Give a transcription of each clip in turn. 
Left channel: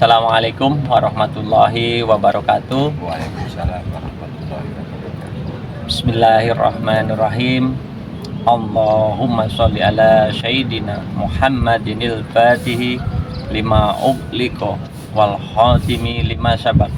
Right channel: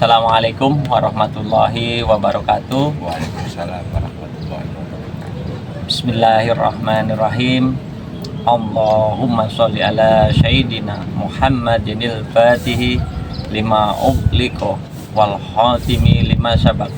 Assalamualaikum warahmatullahi wabarakatuh. Waalaikumsalam warahmatullahi wabarakatuh. Bismillahirrahmanirrahim. Allahumma sholli ala sayyidina Muhammadinil fatihi lima ughliqa wal khatimi lima sabaq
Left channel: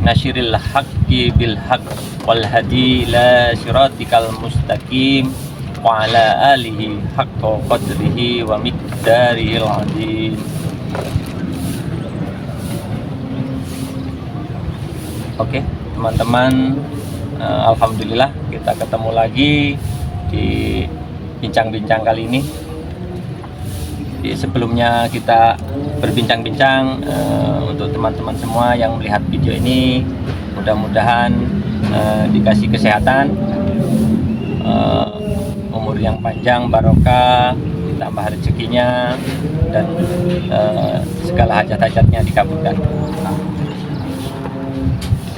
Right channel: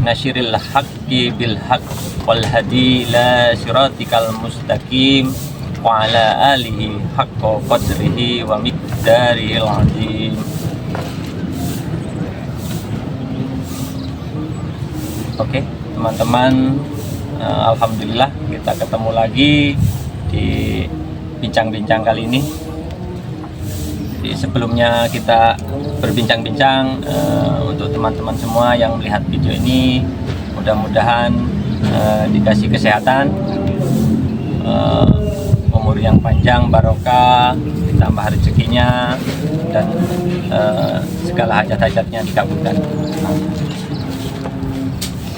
nasiril haqqi bil haqq wal hadi ila siratikal mustaqim wa ala alihi haqqa qadrihi wa miqdarihil azim. Oke, teman-teman, alhamdulillah kita ketemu lagi di bincang-bincang kali ini. Di sebelumnya kita berbincang-bincang untuk teman-teman semua yang melihat video ini, mudah-mudahan dikasih kesehatan, umur yang panjang, barokah, ditambah rezekinya, dan segala hajat-hajatnya dikabulkan.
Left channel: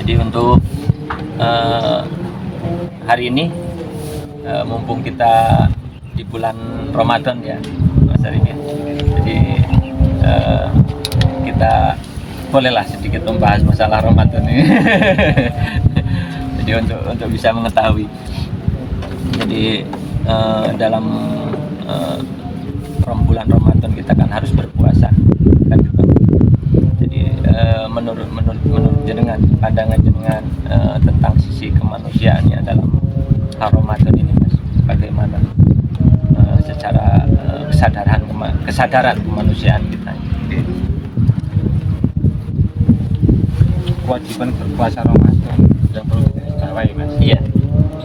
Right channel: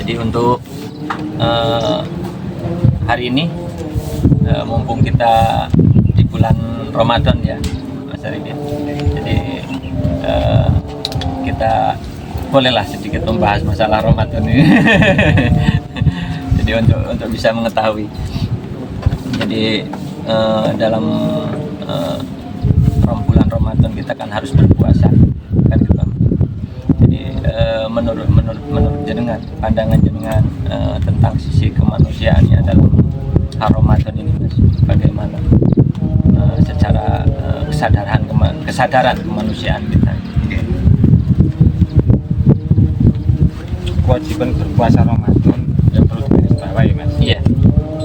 Jadi untuk hari ini, mumpung kita di bulan Ramadan ya Mas Arifin, jadi kita bolehlah sedikit membahas masalah Ramadan ini. Jadi untuk bisa mengetahui, jadi dalam bulan Ramadan kita kan harus berpuasa kan gitu. Jadi menurut jenengan, pandangan jenengan tentang sisi kemanusiaannya dalam Ramadan ini, Mas, bagaimana secara kesadaran kemanusiaan kita? Kewajiban berpuasa Ramadan yang perlu digarisbawahi, Mas, Iya,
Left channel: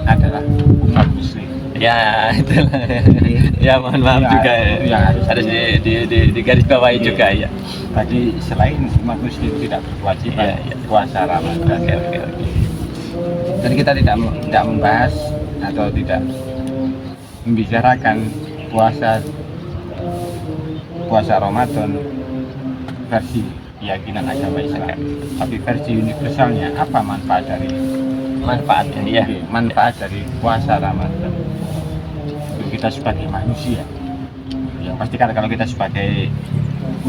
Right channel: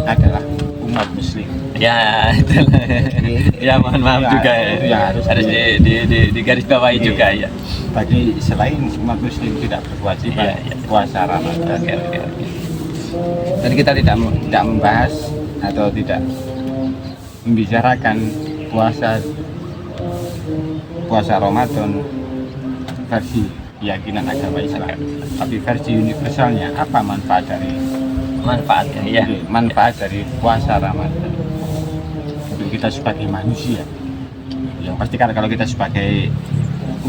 adalah umat muslim. ya itulah. Ya mohon maaf Ya, juga ya, harus digarisbawahi Iya. juga ya. Bagi selain umat muslim tidak berkewajiban Iya. puasa Ramadan. Oke. Dan kita tidak membahas atau tidak membicarakan puasa Ramadan versi keyakinan agama Islam, tapi versi universalnya. Apa manfaat Manfaatnya ya. puasa Ramadan untuk kita sebagai manusia? Yang pasti kan kalau kita sebagai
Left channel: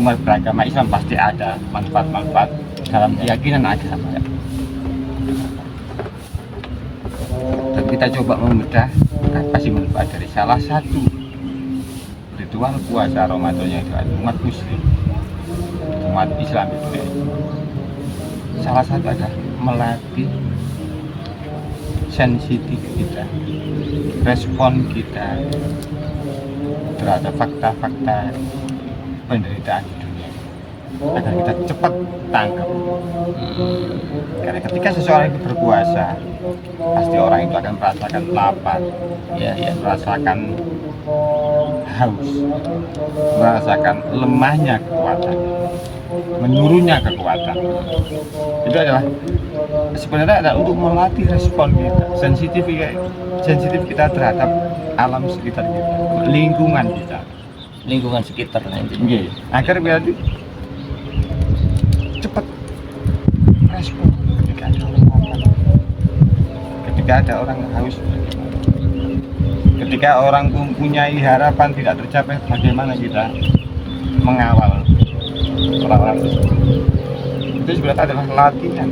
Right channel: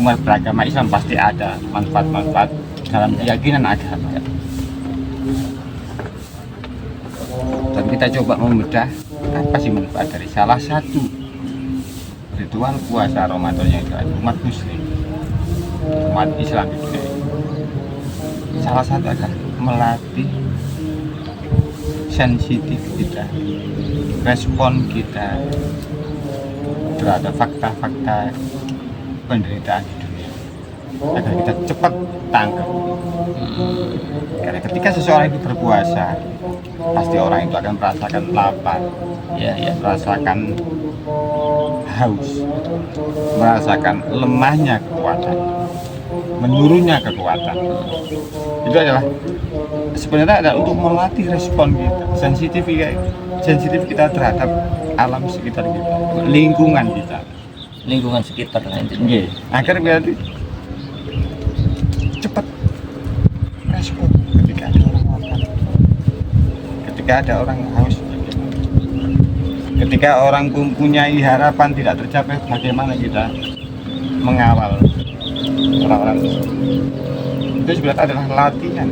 umat beragama Islam pasti ada manfaat-manfaat dalam keyakinan agama. Dan kita coba membedah apa sih manfaat dari salah satu ritual puasa Ramadan yang dilakukan umat muslim, umat Islam di dunia ini. Salah satu adalah melatih sensitif kita, respon kita terhadap fakta-fakta penderitaan di dunia, agar kita cepat tangkap. Karena ketika seseorang itu berpuasa, pasti orang itu akan merasakan lapar, Ya. merasakan haus, merasakan lemahnya kekuatan, menurunnya kekuatan. Itu adalah sebenarnya adalah untuk melatih respon kita, sensitif kita terhadap alam sekitar kita, lingkungan kita. Lingkungan sekitar lah intinya. Agar berarti cepat respon ketika ada orang lapar, ketika ada orang haus, bagaimana? Ketika orang mempunyai harapan tidak tercapai, bagaimana kita mengawal orang-orang tersebut? Itu sebenarnya adalah latihan,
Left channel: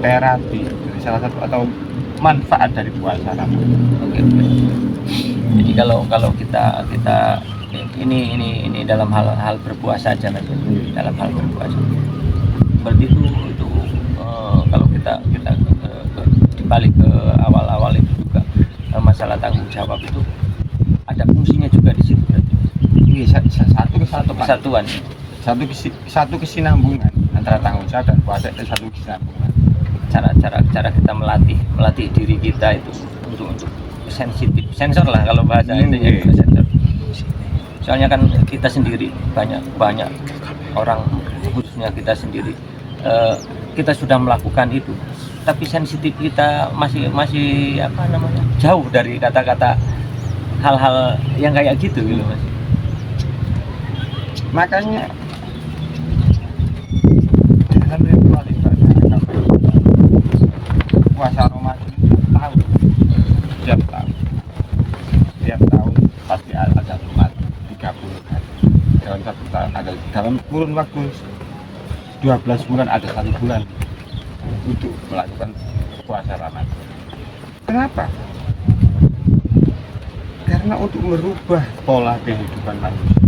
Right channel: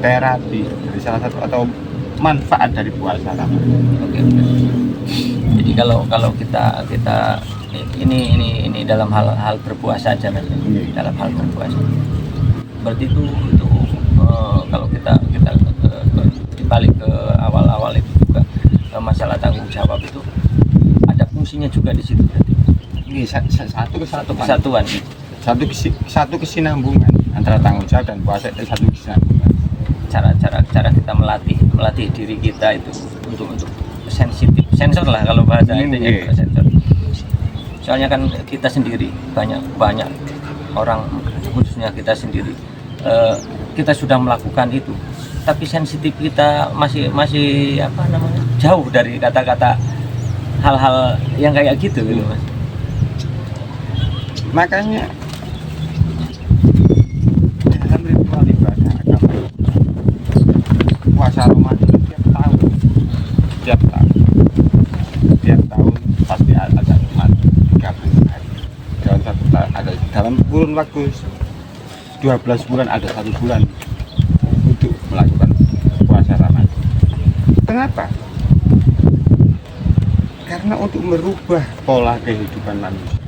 terapi dari salah satu atau manfaat dari puasa Ramadan. Oke. Jadi kalau kita ini dalam hal berpuasa aja, Mas. Dalam hal berpuasa. Berarti itu kalau kita balik ke awal itu juga masalah tanggung jawab itu ada fungsinya juga di situ berarti. Ini satu kesatuan, satu kesinambungan antara tanggung jawab dan puasa itu satu kesinambungan. Cara kita melatih diri kita itu untuk sensitif, sensor lah kalau bahasa ini, sensor. Soalnya kan kita sendiri banyak orang, khususnya kita sendiri, kita sudah melakukan itu, tapi sensitif kita masih jauh dari kata-kata hal-hal yang kayak gitu gitu, Mas. Makanya dalam ritual ibadah agama kita, puasa Ramadan tiap tahun pasti ada umat 30 hari dalam kurun waktu 12 bulan ada 1 bulan untuk melakukan puasa Ramadan. Kenapa? Karena untuk merubah pola kehidupan manusia,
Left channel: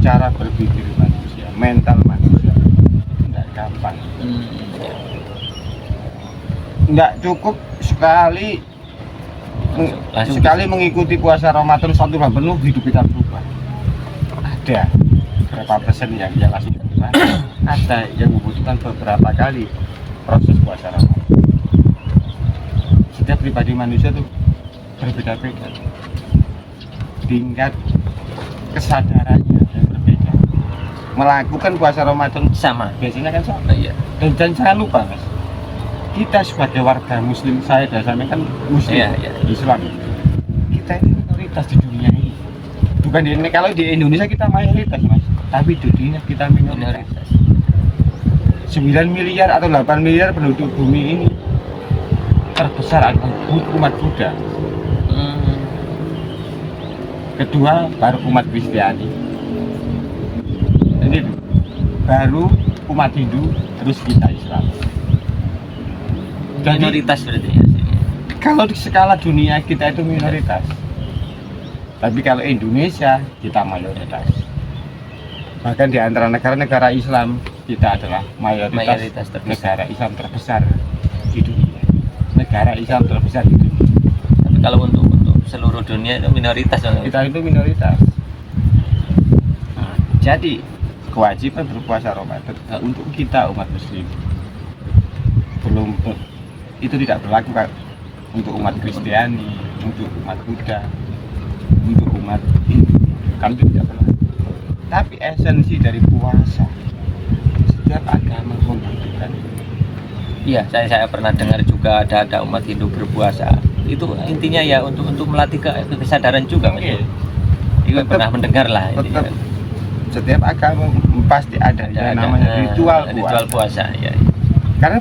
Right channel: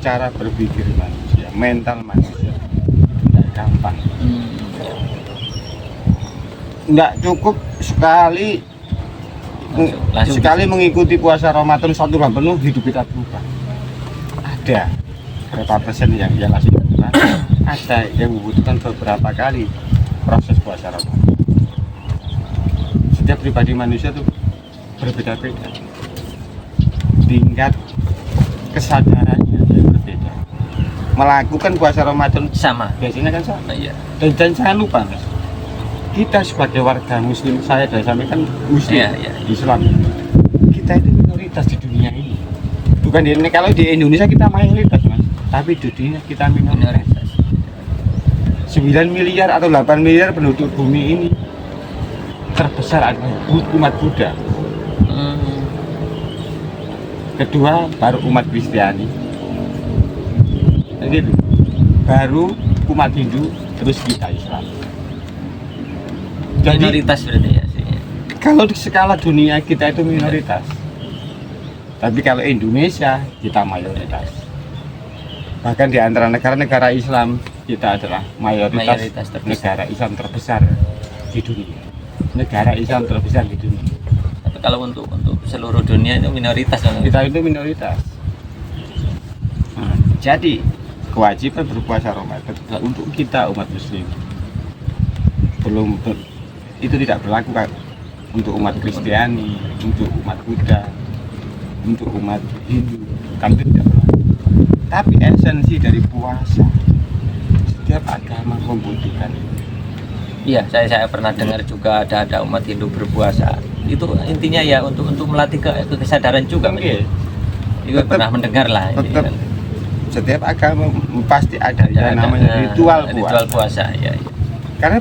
cara berpikir manusia, mental manusia tidak gampang. Tidak cukup sekali Langsung sekali mengikuti puasa Ramadan 1 bulan penuh hidup kita berubah. Ada berapa persen yang langsung berubah, ada yang membutuhkan beberapa kali proses puasa Ramadan. Setiap pribadi manusia tuh berbeda-beda, tingkat kesadarannya berbeda. Melakukan puasa Ramadan sama. biasanya kan sama. Iya. Dan jangan lupa Mas, kita sebagai warga muslim, saya dan sampai kan muslim, Iya. Islam, kita itu minoritas di dunia ini. Bukan kalau di Indonesia kita mayoritas Mas, tapi di dunia kita minoritas. 9 miliar atau 8 miliar penduduk bumi ini terbesar adalah umat Buddha. Kedua baru umat Kristiani. Ini tuh, baru umat Hindu, terus kita Islam. Jadi Minoritas berarti ya sih. kalau di skala dunia kita itu minoritas, tapi kalau Indonesia kita mayoritas. Bahkan di antara negara-negara Islam kita adalah mayoritas terbesar. negara Islam terbesar di dunia. Negara Islam terbesar di dunia. Tapi kalau untuk seluruh dunia itu minoritas kan? Kita itu minoritas. Jadi kewajiban berpuasa Ramadan untuk kita umat Muslim itu tidak berlaku kan untuk umat Kristiani, untuk umat Buddha, untuk umat Hindu, kan itu tidak berlaku. Tapi esensi dari puasa, setiap agama membutuhkan. Iya, saya pernah dengar juga ada umat Hindu berpuasa. Itu intinya ya untuk melatih kesadaran juga. Oke. Itu pernah mendengar lah. Tetap setiap agama pasti ada yang namanya ritual puasa. Ya. Karena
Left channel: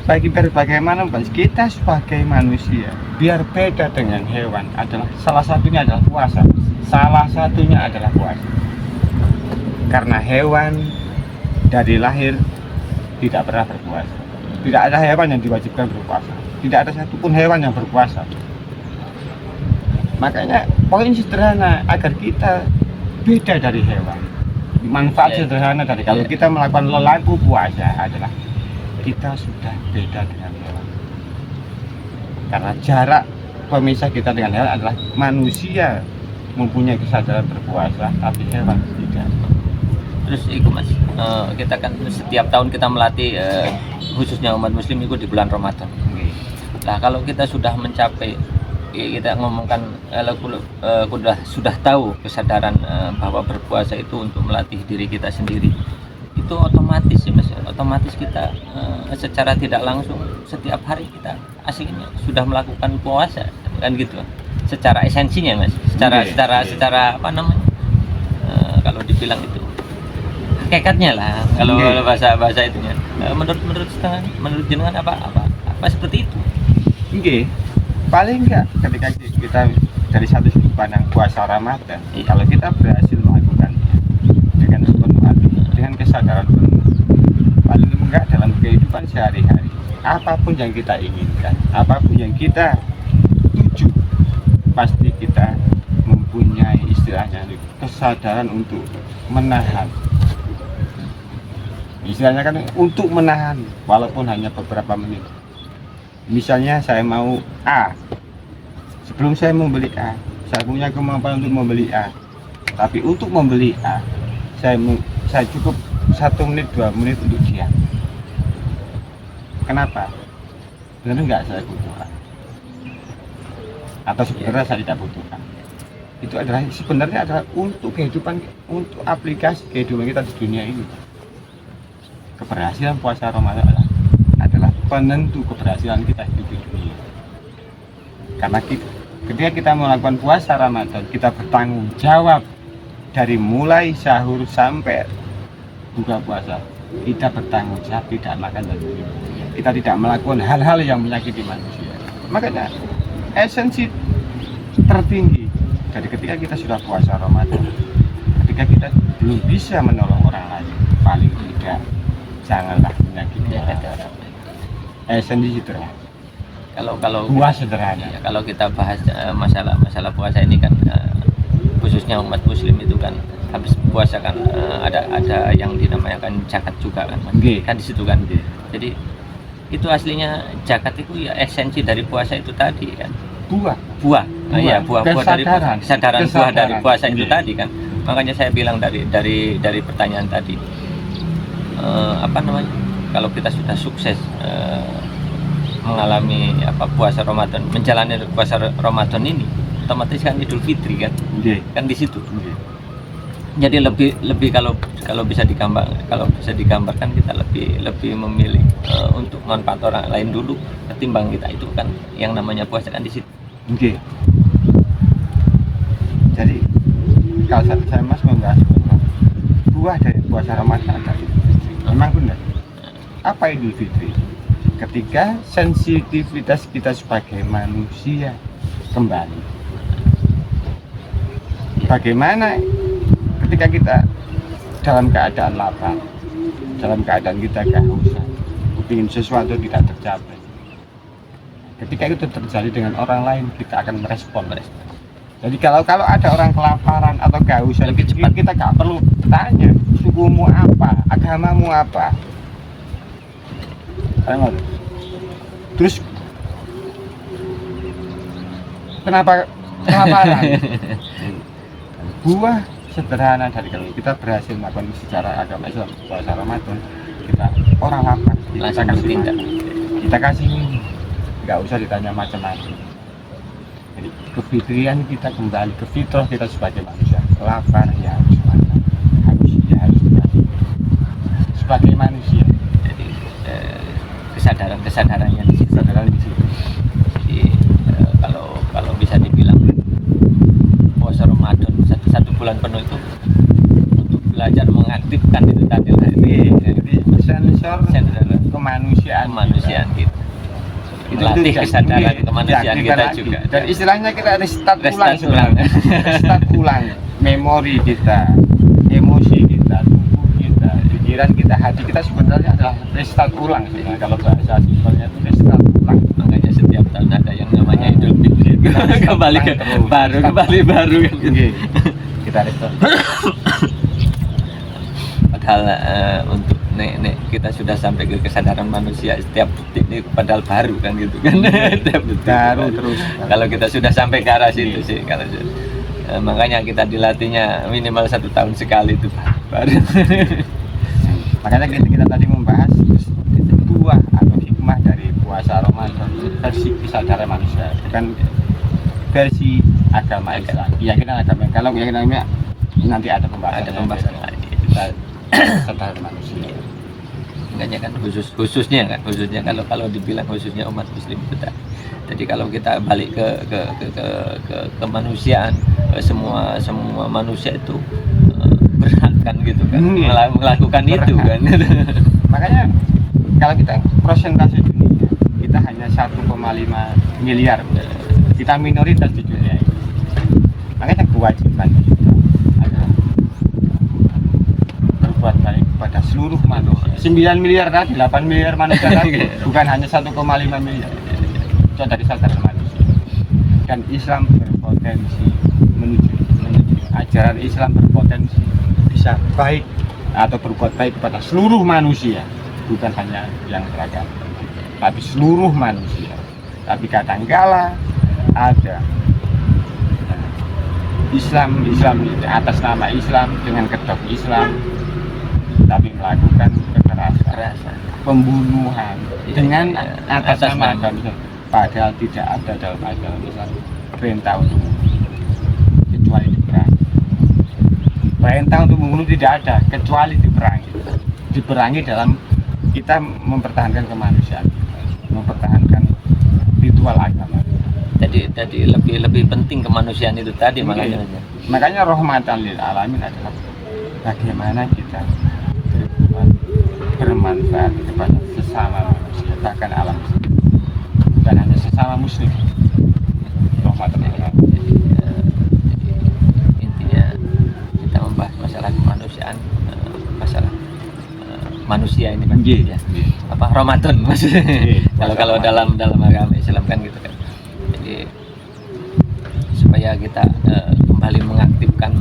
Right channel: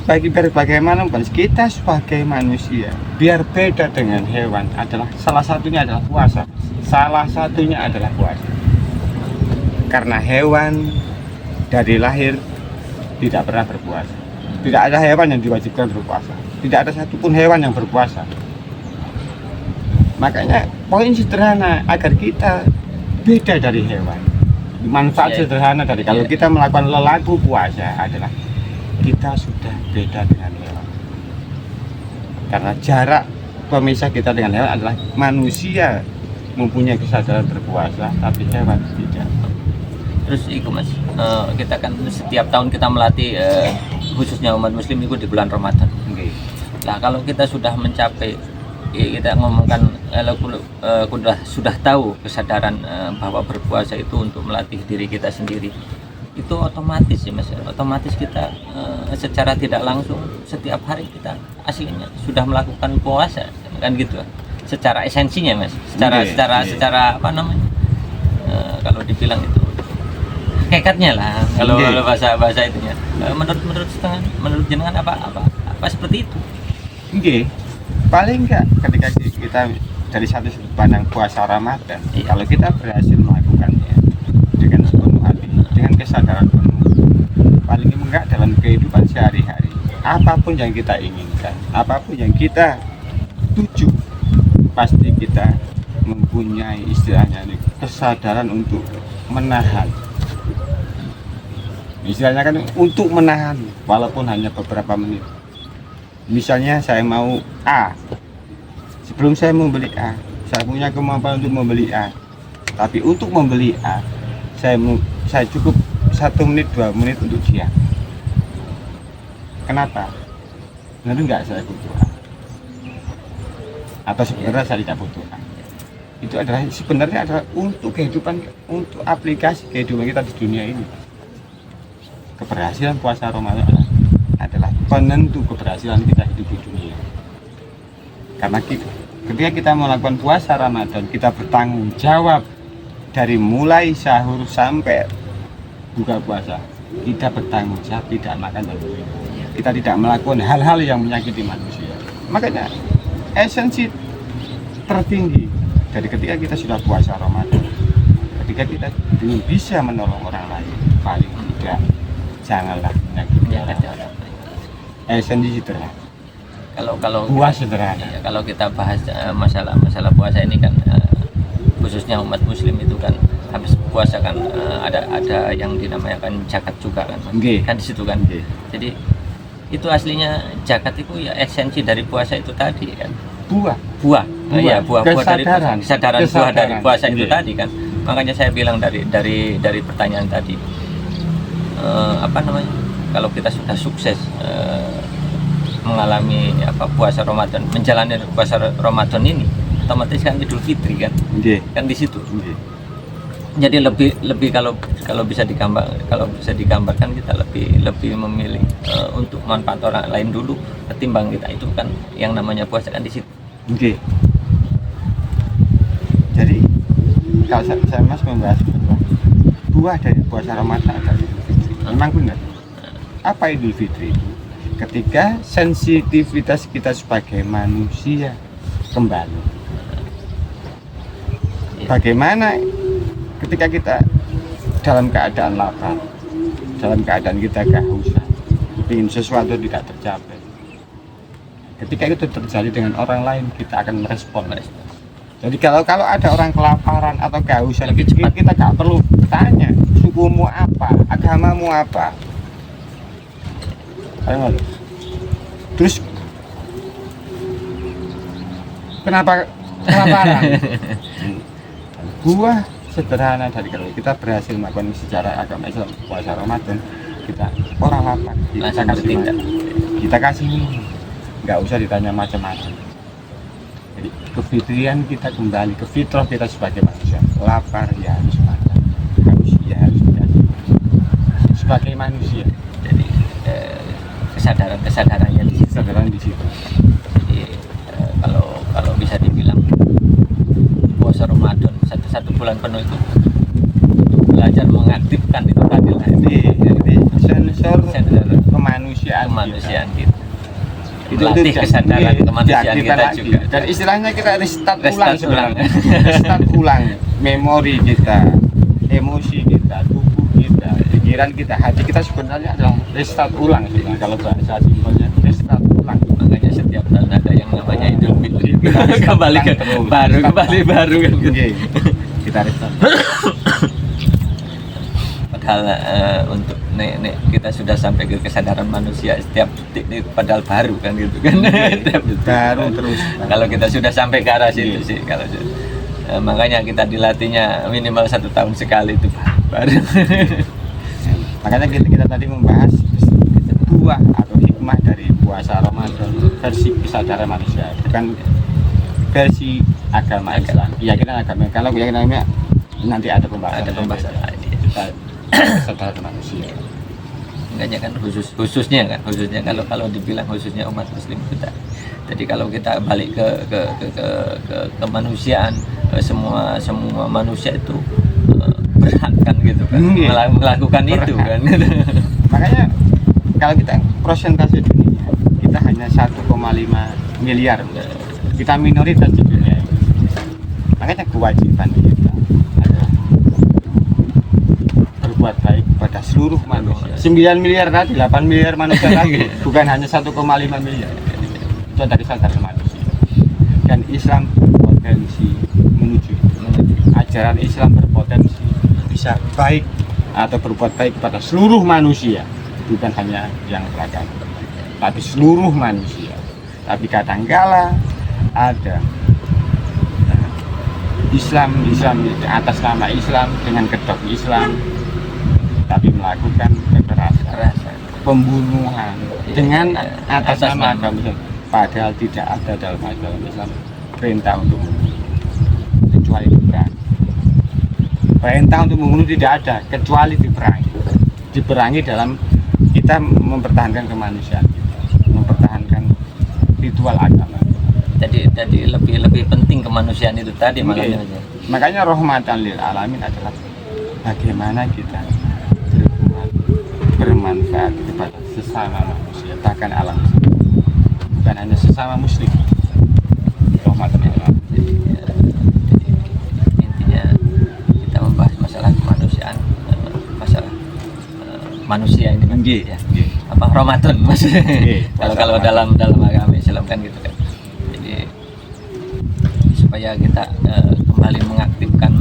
bagaimana kita sebagai manusia biar beda dengan hewan adalah salah satunya adalah puasa. Salah satunya adalah puasa. Karena hewan dari lahir tidak pernah berpuasa. Tidak ada hewan yang diwajibkan berpuasa. Tidak ada satupun hewan yang berpuasa. Makanya poin sederhana agar kita beda dari hewan. Manfaat sederhana dari kalau kita melakukan lelaku puasa adalah kita sudah beda dengan hewan. Karena jarak pemisah kita dengan hewan adalah manusia mempunyai kesadaran berpuasa, tapi hewan tidak. Terus itu Mas, kita kan setiap tahun kita melatih khususnya umat Muslim itu di bulan Ramadan. Nah kalau kita sudah mencapai, kita ngomongkan sudah tahu kesadaran bahwa berpuasa itu untuk melatih diri kita sendiri, itu otomatis sih Mas, otomatis kita secara tidak langsung setiap hari kita aslinya sudah melakukan puasa kan gitu, secara esensinya Mas, secara apa namanya, kalau dibilang itu hakikatnya lah, kalau bahasa itunya. Menurut jenengan apa seperti itu? Oke. Paling enggak ketika kita dari satu sudut pandang puasa Ramadan, kalau kita berhasil melakukannya dengan sepenuh hati, dengan kesadaran penuh, paling enggak dalam kehidupan sehari-hari, apapun yang kita inginkan, apapun yang kita tuju, pasti kita mempunyai istilahnya kesadaran untuk menahan. Istilahnya kan untuk menahan walaupun hanya beberapa menit. Misalnya saya mau A, sebelum saya membeli A, saya punya kemampuan untuk membeli A, tapi untuk membeli A saya cukup 1 menit 2 menit untuk diam. Kenapa? Benar enggak saya butuh A, atau sebenarnya saya tidak butuh A. Itu adalah sebenarnya adalah untuk kehidupan, untuk aplikasi kehidupan kita di dunia ini. Keberhasilan puasa Ramadan adalah penentu keberhasilan kita hidup di dunia. Karena ketika kita melakukan puasa Ramadan, kita bertanggung jawab dari mulai sahur sampai buka puasa. Kita bertanggung jawab tidak makan dan minum. Kita tidak melakukan hal-hal yang menyakiti manusia. Makanya esensi tertinggi dari ketika kita sudah puasa Ramadan, ketika kita belum bisa menolong orang lain, paling tidak janganlah menyakiti orang. Esensi sederhana. Kalau Buah sederhana. ya, kalau kita bahas masalah puasa ini kan khususnya umat muslim itu kan habis puasa kan ada yang dinamakan zakat juga kan Mas. Nggih. Kan di situ kan. Nggih. Jadi itu aslinya zakat itu ya esensi dari puasa itu tadi kan. Buah. Buah dari Kesadaran. kesadaran buah dari puasa itu Nggih. tadi kan. Makanya saya bilang dari pertanyaan tadi apa namanya, kalau kita sudah sukses mengalami puasa Ramadan, menjalani puasa Ramadan ini, otomatis kan Idul Fitri kan, Nggih. kan di situ. Nggih. Jadi lebih kalau bisa digambarkan kita lebih memilih untuk manfaat orang lain dulu ketimbang kita, itu kan yang namanya puasa kan di situ. Nggih. Jadi kalau saya Mas membahas buah dari puasa Ramadan adalah Idul Fitri. Memang benar. Apa Idul Fitri? Ketika sensitivitas kita sebagai manusia kembali. Bagaimana ketika kita dalam keadaan lapar, dalam keadaan kita kehausan, ingin sesuatu tidak tercapai. Ketika itu terjadi dengan orang lain, kita akan merespon. Jadi kalau ada orang kelaparan atau kehausan, kita nggak perlu tanya sukumu apa, agamamu apa. Terus kenapa kelaparan? Buah sederhana dari kalau kita berhasil melakukan secara agama Islam puasa Ramadan, kita orang lapar kita kasih makan, kita kasih minum, nggak usah ditanya macam-macam. Jadi kefitrian kita kembali ke fitrah kita sebagai manusia, lapar ya harus makan, haus ya harus dikasih sebagai manusia. Jadi kesadarannya di situ. Kesadaran di situ. Jadi kalau bisa dibilang puasa Ramadan satu bulan penuh itu untuk belajar mengaktifkan itu tadi lah, Ini sensor kemanusiaan kita. Itu Melatih kesadaran kemanusiaan kita lagi. juga. Dan istilahnya kita restart ulang Restart sebenarnya. Restart ulang memori kita, emosi kita, tubuh kita, pikiran kita, hati kita sebenarnya adalah restart ulang sebenarnya. Kalau bahasa simpelnya itu restart ulang. Makanya setiap tahun ada yang namanya Idul Fitri. Kembali ke terus. baru kan gitu. Oke. Kita restart. Padahal untuk nek kita sudah sampai ke kesadaran manusia setiap detik padahal baru kan gitu kan. Setiap detik Baru terus. Kalau kita sudah sampai ke arah situ sih kalau makanya kita dilatihnya minimal 1 tahun sekali itu baru. Makanya kita tadi membahas buah atau hikmah dari puasa Ramadan versi kesadaran manusia, bukan versi agama Islam. Keyakinan agama. Kalau keyakinan nanti ada pembahasan lain. Kita kesadaran manusia. Makanya kan khususnya kalau dibilang khususnya umat muslim kita. Jadi kalau kita balik ke kemanusiaan, semua manusia itu berhak kan gitu kan melakukan berhak. itu kan. Makanya kalau kita persentase dunia kita hanya 1,5 miliar, kita minoritas di dunia ini. Makanya kewajiban kita adalah berbuat baik kepada seluruh manusia. 9 miliar tadi, 8 miliar manusia tadi, bukan hanya 1,5 miliar. Itu dari kesadaran manusia. Dan Islam berpotensi menuju ajaran Islam berpotensi bisa baik atau berbuat baik kepada seluruh manusia, bukan hanya yang beragama, tapi seluruh manusia. Tapi kadangkala ada Islam atas nama Islam dengan kedok Islam, tapi melakukan kekerasan, pembunuhan dengan atas nama agama, padahal tidak ada dalam agama Islam perintah untuk membunuh kecuali diperangi. Perintah untuk membunuh tidak ada kecuali diperangi dalam kita mempertahankan kemanusiaan kita, mempertahankan ritual agama. Jadi lebih penting kemanusiaan itu tadi makanya. Makanya rahmatan lil alamin adalah bagaimana kita bermanfaat kepada sesama manusia, bahkan alam semesta. Bukan hanya sesama muslim. Rahmatan lil alamin. Jadi intinya kita membahas masalah kemanusiaan, masalah manusia ini kan Nggih, ya. nggih. Apa Ramadan maksudnya. Nggih, Kalau dalam agama Islam kan gitu kan. Jadi supaya kita kembali mengaktifkan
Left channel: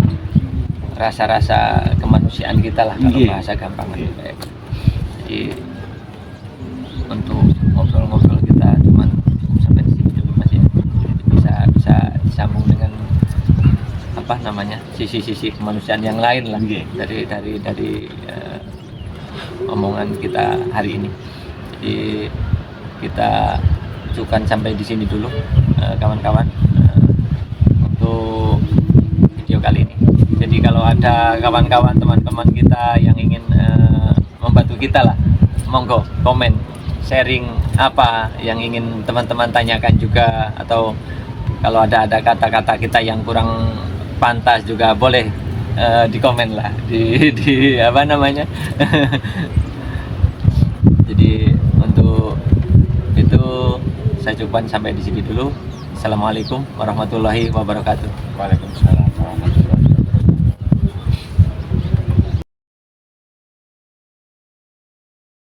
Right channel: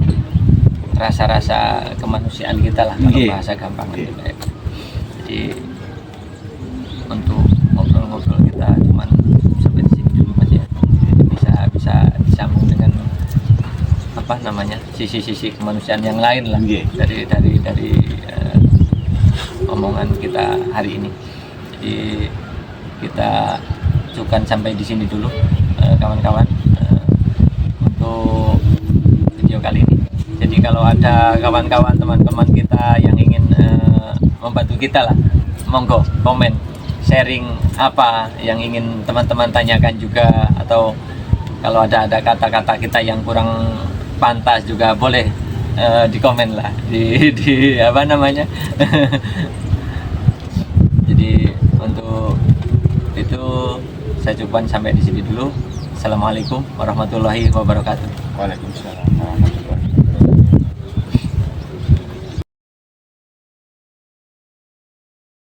rasa-rasa kemanusiaan kita lah kalau Nggih. bahasa gampang Nggih. gitu ya. Jadi untuk ngobrol-ngobrol kita cuman sampai di sini dulu Mas ya. Bisa disambung dengan apa namanya sisi-sisi kemanusiaan yang lain lah Nggih. dari omongan kita hari ini. Jadi kita cukupkan sampai di sini dulu kawan-kawan untuk video kali ini. Jadi kalau ada kawan-kawan teman-teman kita yang ingin membantu kita lah, monggo komen, sharing apa yang ingin teman-teman tanyakan juga, atau kalau ada kata-kata kita yang kurang pantas juga boleh di komen lah di apa namanya. Jadi untuk itu saya cukupkan sampai di sini dulu. Assalamualaikum warahmatullahi wabarakatuh. Waalaikumsalam warahmatullahi wabarakatuh.